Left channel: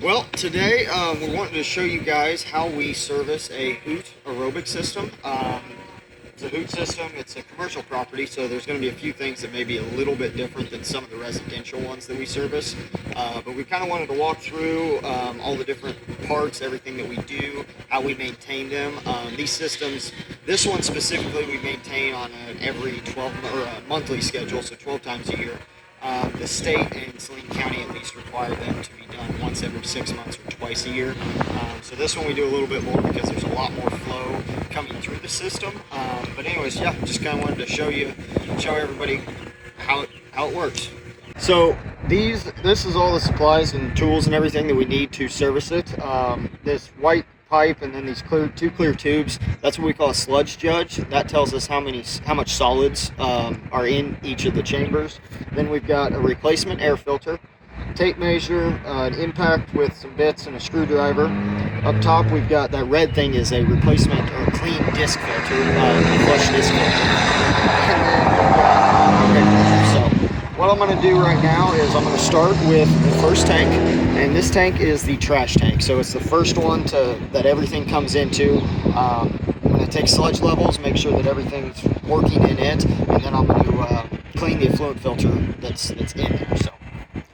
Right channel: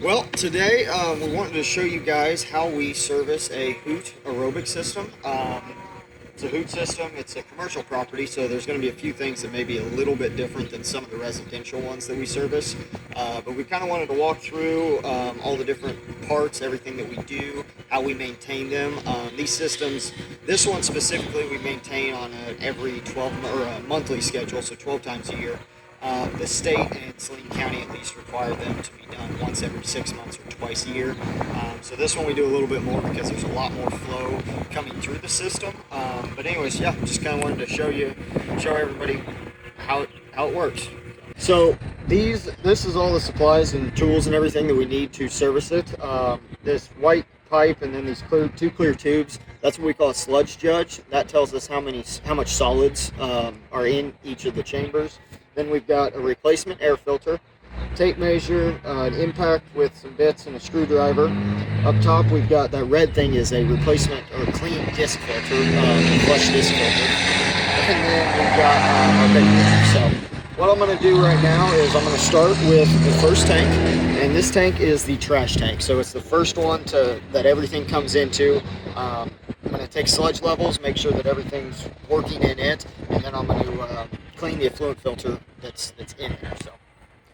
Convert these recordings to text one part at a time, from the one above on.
Well, today we're wanting to show you guys how we service a Hoot Aerobic system. It's a Hoot system. It's a commercial property, so there's going to be a few things that may be a little bit different than some of the residential ones that we service. But we kind of wanted to walk through all the different parts, everything that we do, how we maintain them. These systems, this one specifically, we maintain on an every 12 or a monthly schedule, so 12 times a year. The state and Saline County at least require them to be done once every 6 months or twice a year. So this one we do a little bit more because there's a lot more flow coming through the system. But anyways, yeah, just kind of wanted to show everybody how it works. So this is all the supplies and tools and everything that we need to service it. This white pipe and then these two clear tubes, that's what we call a sludge judge. That tells us how much solids are in each of the chambers. Then we've got a replacement air filter, tape measure, an impact with some bits and a screwdriver. Up top we've got that red thing is a replacement or clean disc filter, a flush disc filter. And then we've got our big filter. So what I'm going to do right now is I'm going to start with the first tank, and this tank is the trash tank. So it's the first one that everything comes into. I'm going to take sludge levels, make sure that everything's working in it, and then I'm going to clean the effluent filter that's in there. So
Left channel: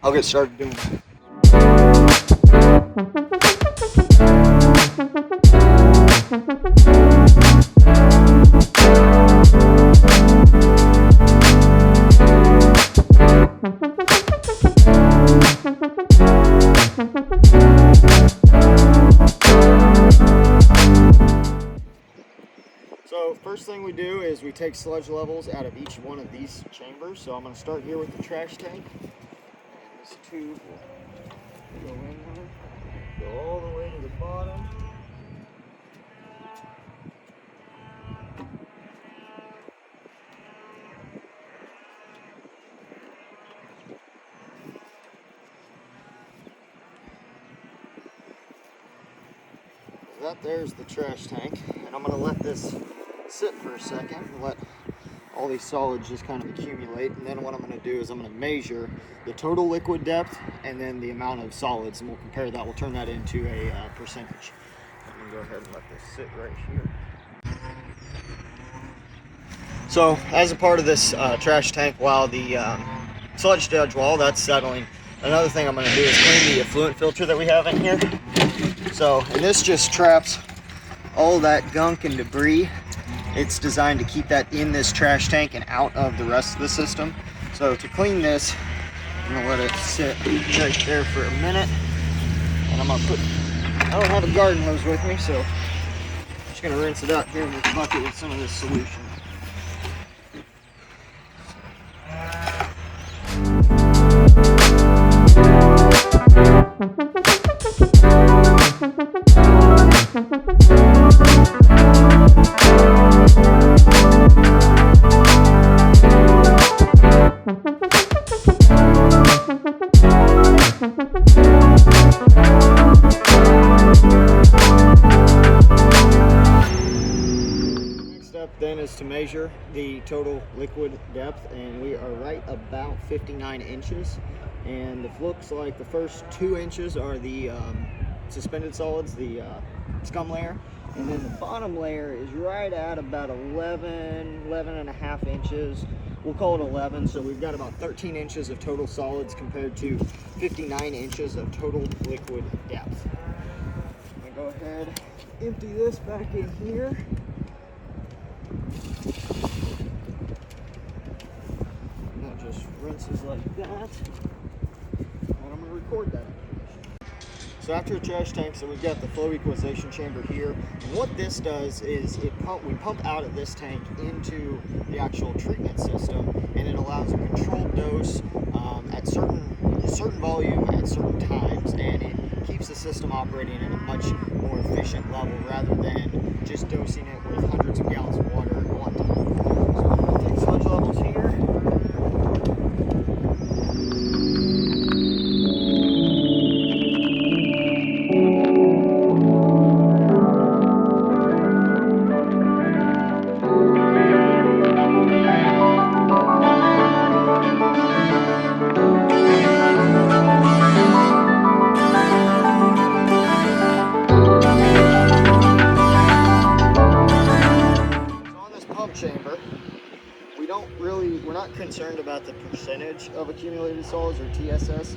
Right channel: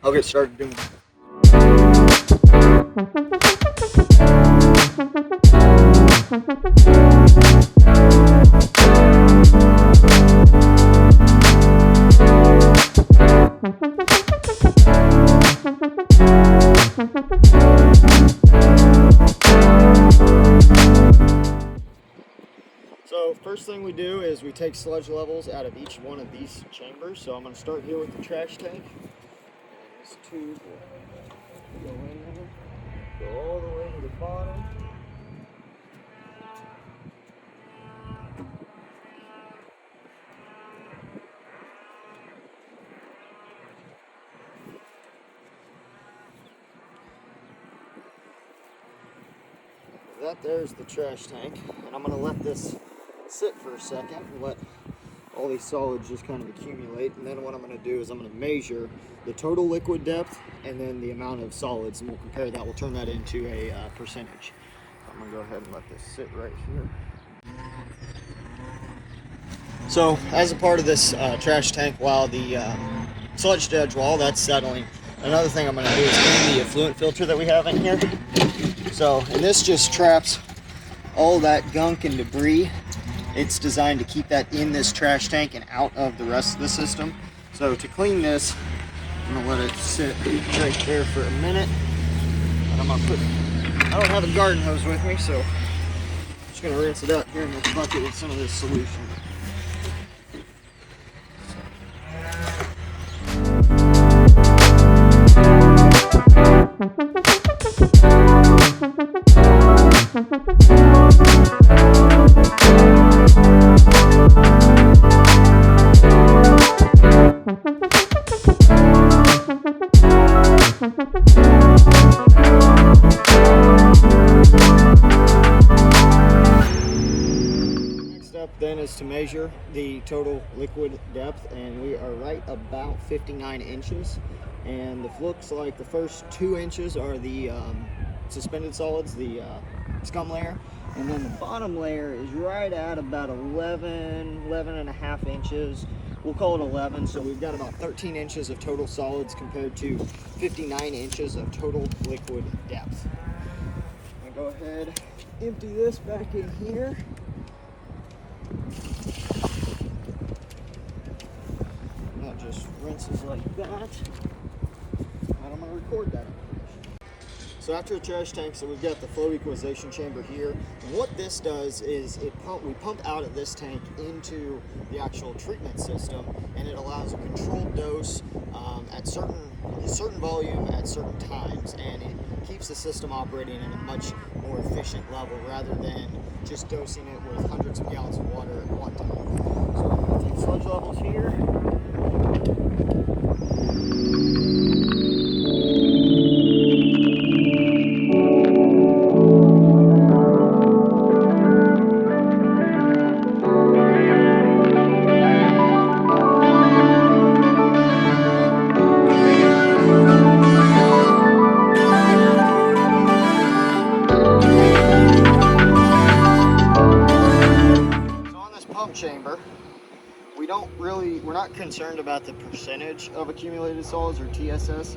I'll get started doing that. So first thing we do is we take sludge levels out of each one of these chambers. So I'm going to start here with the trash tank. And this tube will go in there, go all the way to the bottom. That there's the trash tank, and I'm going to let this sit for a second and let all these solids just kind of accumulate. And then what I'm going to do is I'm going to measure the total liquid depth and then the amount of solids, and we'll compare that. We'll turn that into a percentage. So I'm going to go ahead and let this sit right here. So as a part of this trash tank, while the sludge judge while that's settling, another thing I'm going to do is clean the effluent filter that we have in here. So, and this just traps all that gunk and debris. It's designed to keep that in this trash tank and out of the rest of the system. So to clean this, I'm gonna let it sit right there for a minute. And I'm gonna I don't have a garden hose with me, so I'm just gonna rinse it out here in this bucket with some of this solution. Then is to measure the total liquid depth, and we are right about 59 inches, and it looks like the first 2 inches are the suspended solids, the scum layer, and then the bottom layer is right at about 11 and a half inches. We'll call it 11, so we've got about 13 inches of total solids compared to 59 inches of total liquid depth. I'm gonna go ahead, empty this back in here. And that just rinses like that. And I'm going to record that information. So after the trash tank, so we've got the flow equalization chamber here. And what this does is we pump out of this tank into the actual treatment system, and it allows a controlled dose at certain volume at certain times, and it keeps the system operating at a much more efficient level rather than just dosing it with hundreds of gallons of water at one time. So I'm going to take sludge levels here. not concerned about the percentage of accumulated solids or TSS.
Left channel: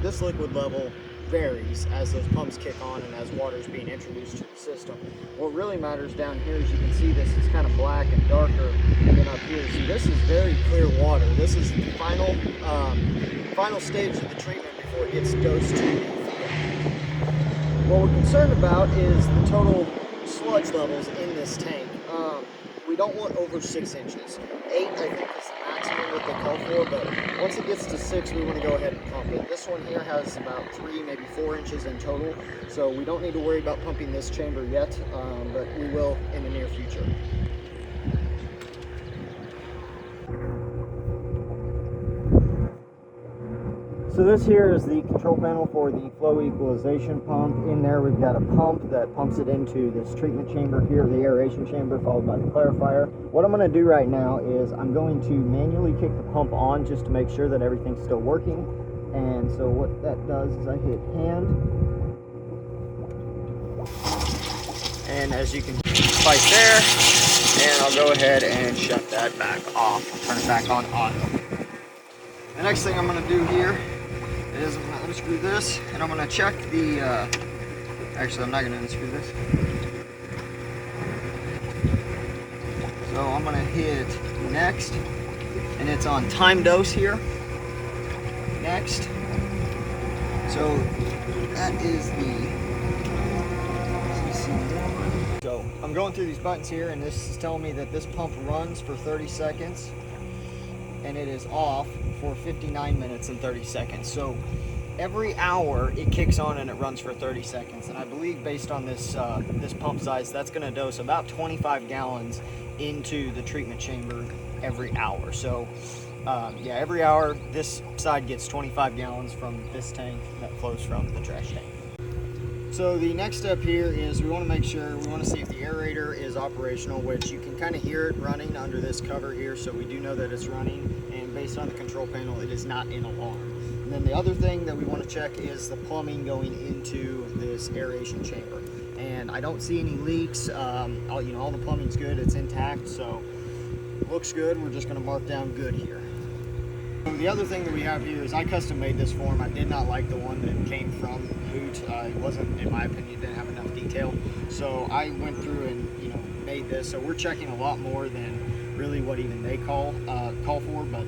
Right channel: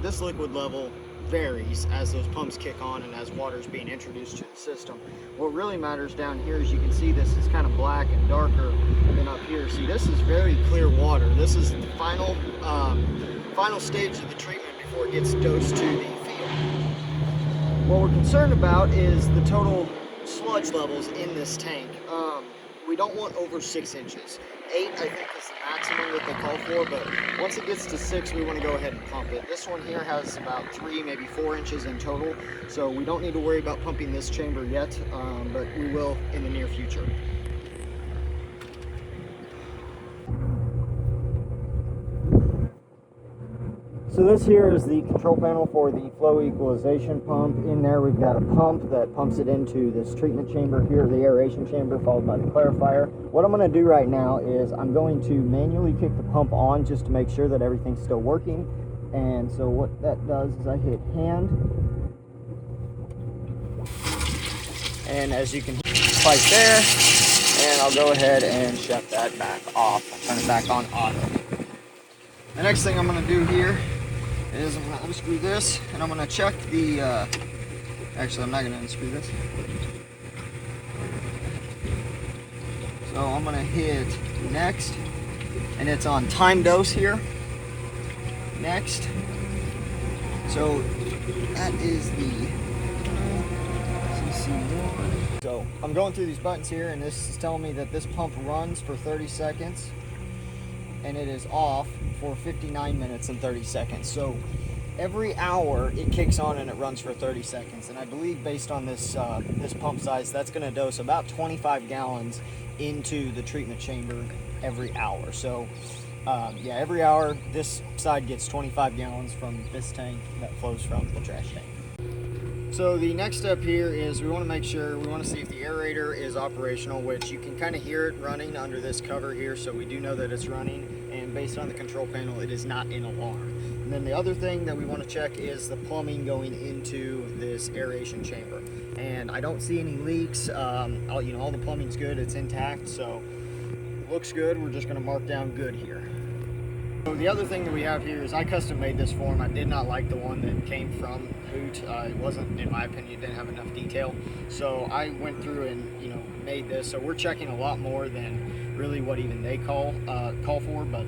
This liquid level varies as those pumps kick on and as water is being introduced to the system. What really matters down here, as you can see, this is kind of black and darker than up here. See, this is very clear water. This is the final stage of the treatment before it gets dosed to the field. What we're concerned about is the total sludge levels in this tank. We don't want over 6 inches. 8, I think, is the maximum that they call for, but once it gets to 6, we want to go ahead and pump it. This one here has about 3, maybe 4 inches in total, so we don't need to worry about pumping this chamber yet, but we will in the near future. So this here is the control panel for the flow equalization pump. In there we've got a pump that pumps it into this treatment chamber here, the aeration chamber, followed by the clarifier. What I'm going to do right now is I'm going to manually kick the pump on just to make sure that everything's still working. And so what that does is I hit hand, and as you can hear, right there, and I'll go ahead and shut that back off. I'll turn it back on auto. The next thing I'm going to do here is I'm going to unscrew this, and I'm going to check the, actually I'm not going to unscrew this. So I'm going to hit next, and it's on time dose here. Next. So that is the CC1. So I'm going through these buttons here, and this is telling me that this pump runs for 30 seconds, and it is off for 59 minutes and 30 seconds. So every hour it kicks on and it runs for 30 seconds. And I believe based on this this pump size, that's going to dose about 25 gallons into the treatment chamber every hour. So yeah, every hour this side gets 25 gallons from this tank that flows from the trash tank. So the next step here is we want to see if the aerator is operational, which you can kind of hear it running under this cover here, so we do know that it's running, and based on the control panel it is not in alarm. And then the other thing that we want to check is the plumbing going into this aeration chamber, and I don't see any leaks. All the plumbing's good, it's intact, so looks good. We're just going to mark down good here. So the other thing that we have here is I custom made this form. I did not like the one that came from Hoot. It wasn't, in my opinion, it didn't have enough detail. So I went through and made this. So we're checking a lot more than really what even they call for. But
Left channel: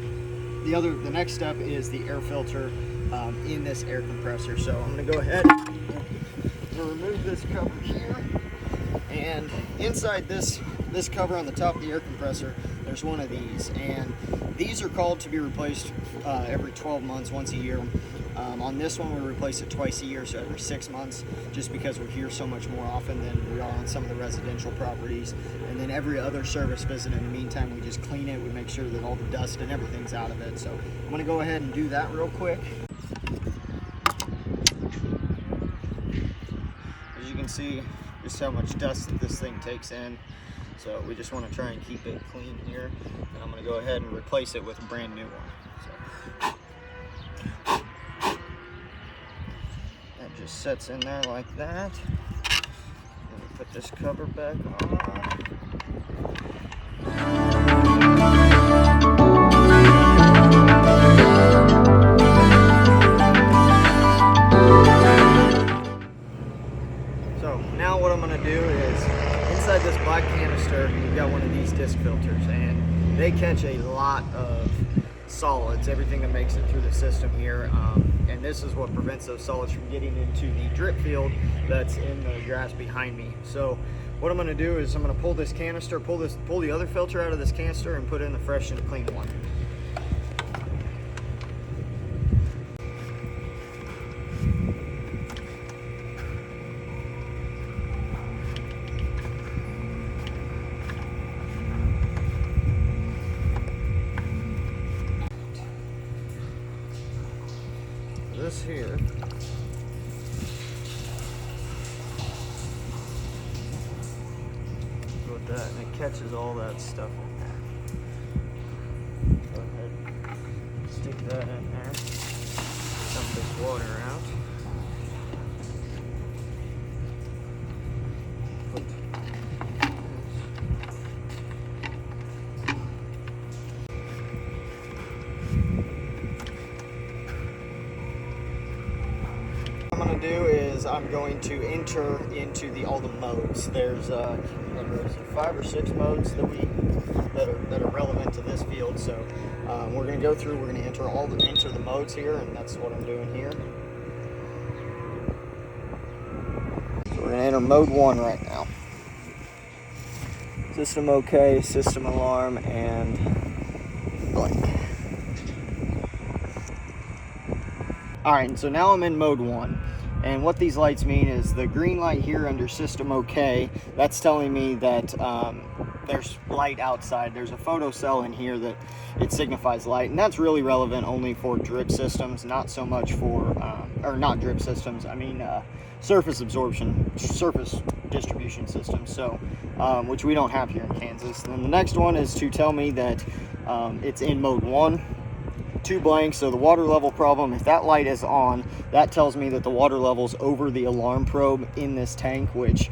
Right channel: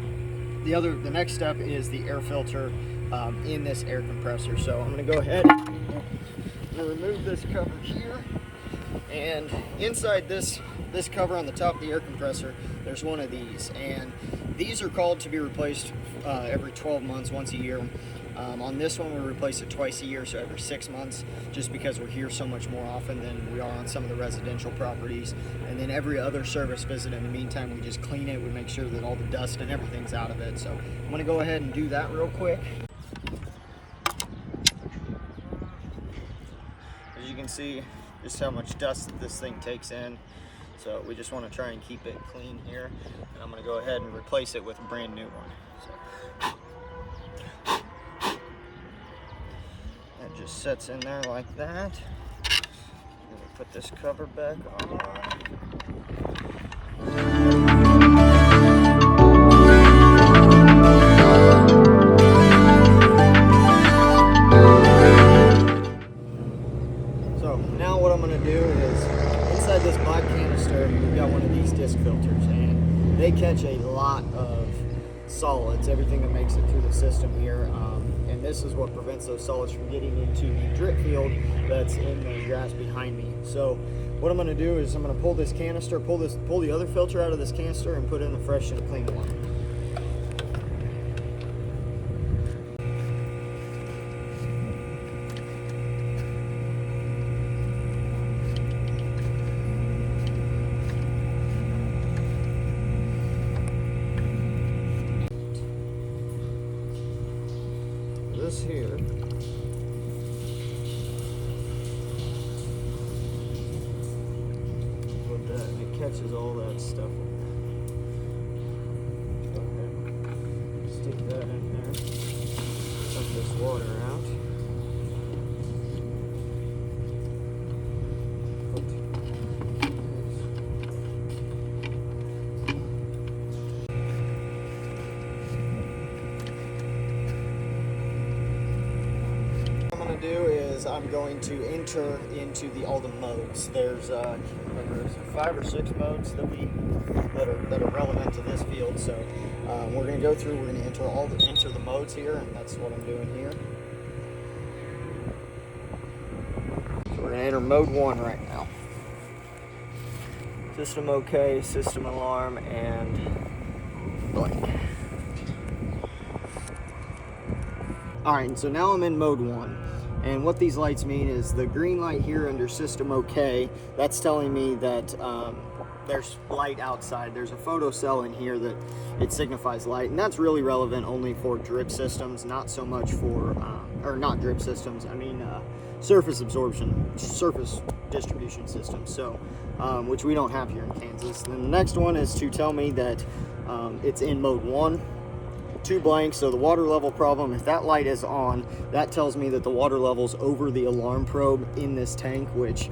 the next step is the air filter in this air compressor. So I'm going to go ahead and remove this cover here, and inside this cover on the top of the air compressor, there's one of these, and these are called to be replaced every 12 months, once a year. On this one, we replace it twice a year, so every 6 months, just because we're here so much more often than we are on some of the residential properties. And then every other service visit in the meantime, we just clean it, we make sure that all the dust and everything's out of it. So I'm going to go ahead and do that real quick. As you can see just how much dust that this thing takes in. So we just want to try and keep it clean here. And I'm going to go ahead and replace it with a brand new one. So that just sets in there like that. Then we put this cover back on. So now what I'm going to do is, inside this black canister, we've got one of these disc filters, and they catch a lot of solids, everything that makes it through the system here, and this is what prevents those solids from getting into the drip field that's in the grass behind me. So what I'm going to do is I'm going to pull this canister, pull the other filter out of this canister, and put in the fresh and clean one. This here is what that, and it catches all that stuff in there. Go ahead, stick that in there, dump this water out. going to do is I'm going to enter into all the modes. There's 5 or 6 modes that are relevant to this field. So we're going to go through. We're going to enter the modes here, and that's what I'm doing here. So we're going to enter mode 1 right now. System OK, system alarm, and blank. Alright, so now I'm in mode 1, and what these lights mean is the green light here under system OK, that's telling me that there's light outside. There's a photo cell in here that it signifies light, and that's really relevant only for drip systems, not so much for, or not drip systems, I mean surface distribution systems, so, which we don't have here in Kansas. And then the next one is to tell me that it's in mode 1. 2 blanks, so the water level problem, if that light is on, that tells me that the water level's over the alarm probe in this tank, which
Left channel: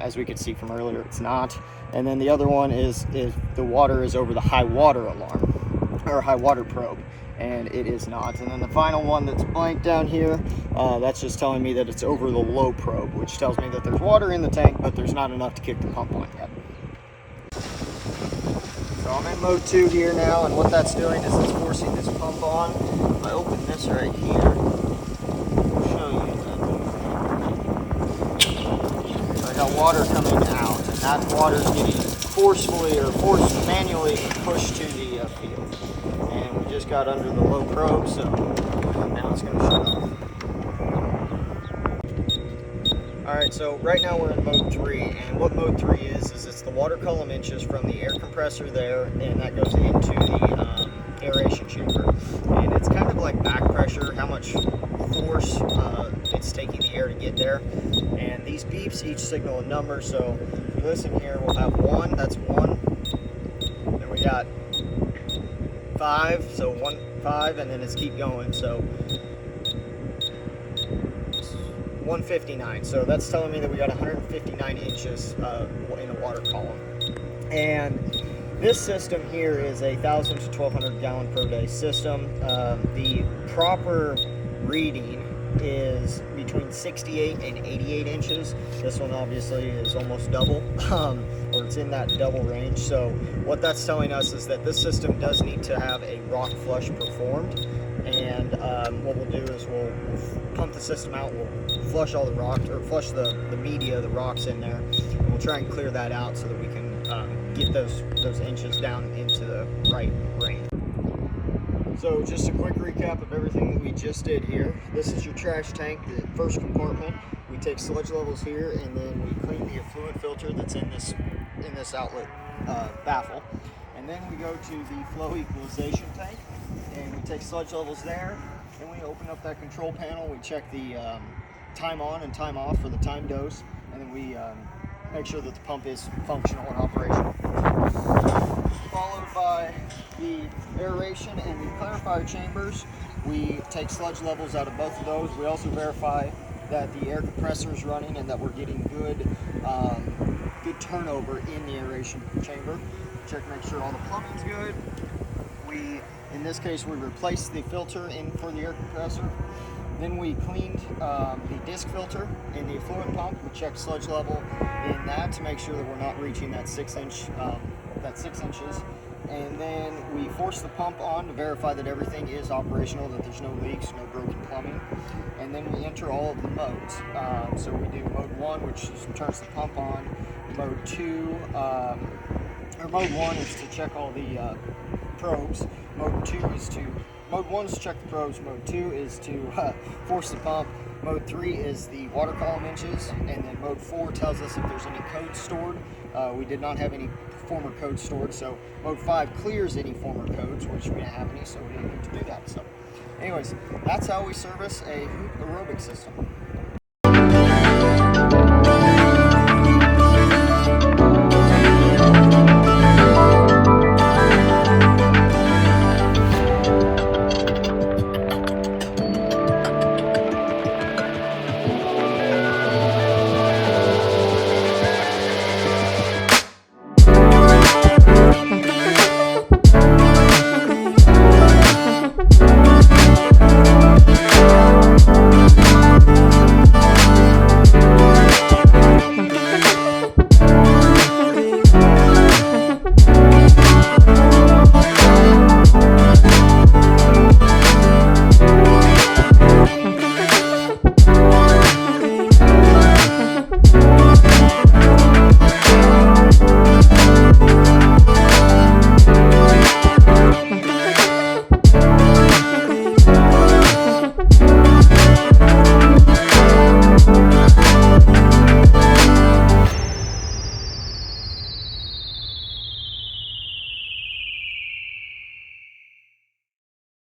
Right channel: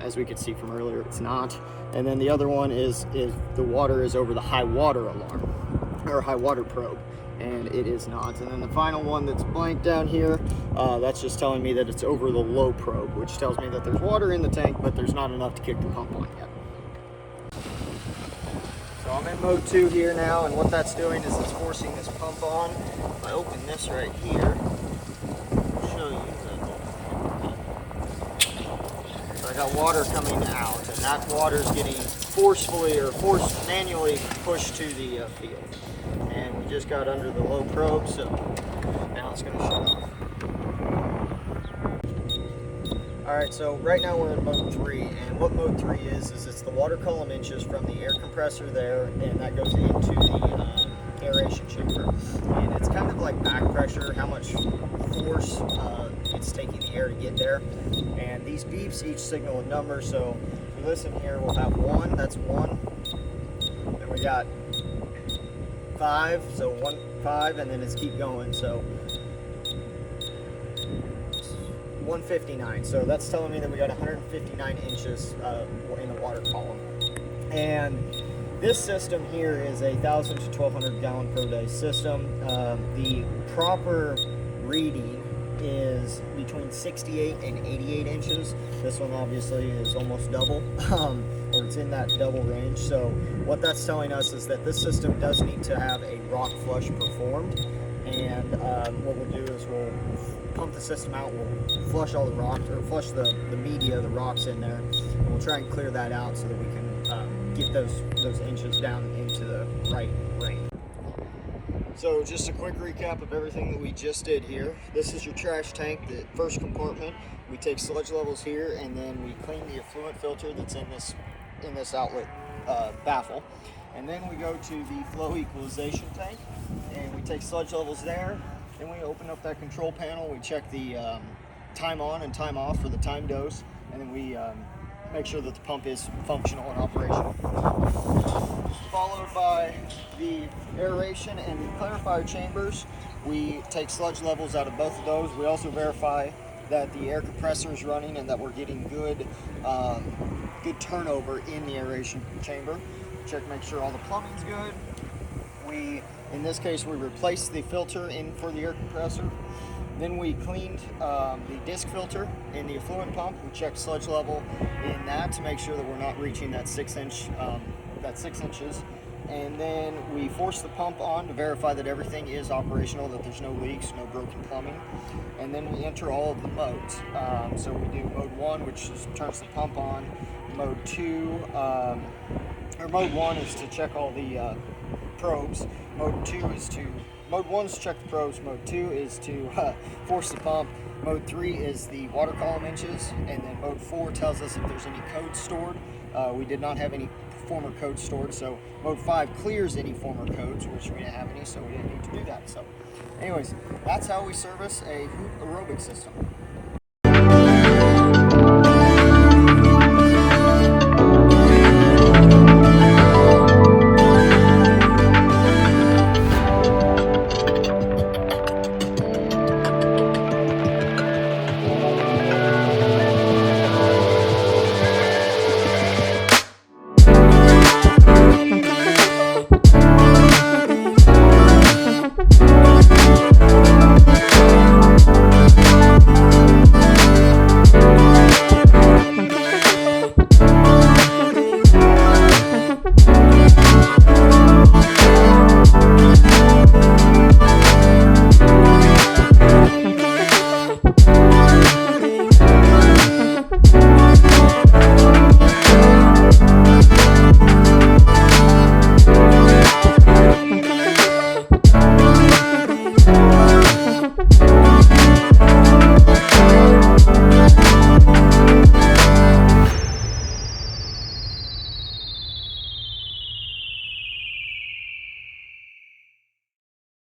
as we could see from earlier, it's not. And then the other one is if the water is over the high water alarm or high water probe, and it is not. And then the final one that's blank down here, that's just telling me that it's over the low probe, which tells me that there's water in the tank, but there's not enough to kick the pump on yet. So I'm in mode 2 here now, and what that's doing is it's forcing this pump on. If I open this right here, I'll show you that. So I got water coming out, and that water is getting manually pushed to the field. And we just got under the low probe, so now it's going to shut off. Alright, so right now we're in mode 3, and what mode 3 is it's the water column inches from the air compressor there, and that goes into the aeration chamber. And it's kind of like back pressure, how much force it's taking the air to get there. And these beeps each signal a number, so if we listen here, we'll have 1, that's 1. Then we got 5, so 1, 5, and then it's keep going, so 159, so that's telling me that we got 159 inches in a water column. And this system here is a 1,000 to 1,200 gallon per day system. The proper reading is between 68 and 88 inches. This one obviously is almost double, or it's in that double range. So what that's telling us is that this system does need to have a rock flush performed. And what we'll do is we'll pump the system out, we'll flush all the rocks, or flush the media, the rocks in there, and we'll try and clear that out so that we can get those inches down into the right range. So just a quick recap of everything that we just did here. This is your trash tank, the first compartment. We take sludge levels here, and then we clean the effluent filter that's in this outlet baffle. And then we go to the flow equalization tank, and we take sludge levels there. Then we open up that control panel, we check the time on and time off for the time dose, and then we make sure that the pump is functional and operational. Followed by the aeration and the clarifier chambers. We take sludge levels out of both of those. We also verify that the air compressor is running and that we're getting good turnover in the aeration chamber. Check, make sure all the plumbing's good. In this case, we replaced the filter in for the air compressor. Then we cleaned the disc filter in the effluent pump. We checked sludge level in that to make sure that we're not reaching that 6 inches. And then we forced the pump on to verify that everything is operational, that there's no leaks, no broken plumbing. And then we enter all of the modes. So we do mode 1, which turns the pump on. Mode 2, or mode 1 is to check all the probes. Mode 1 is to check the probes. Mode 2 is to force the pump. Mode 3 is the water column inches, and then mode 4 tells us if there's any code stored. We did not have any former codes stored, so mode 5 clears any former codes, which we didn't have any, so we didn't need to do that. So anyways, that's how we service a Hoot Aerobic system.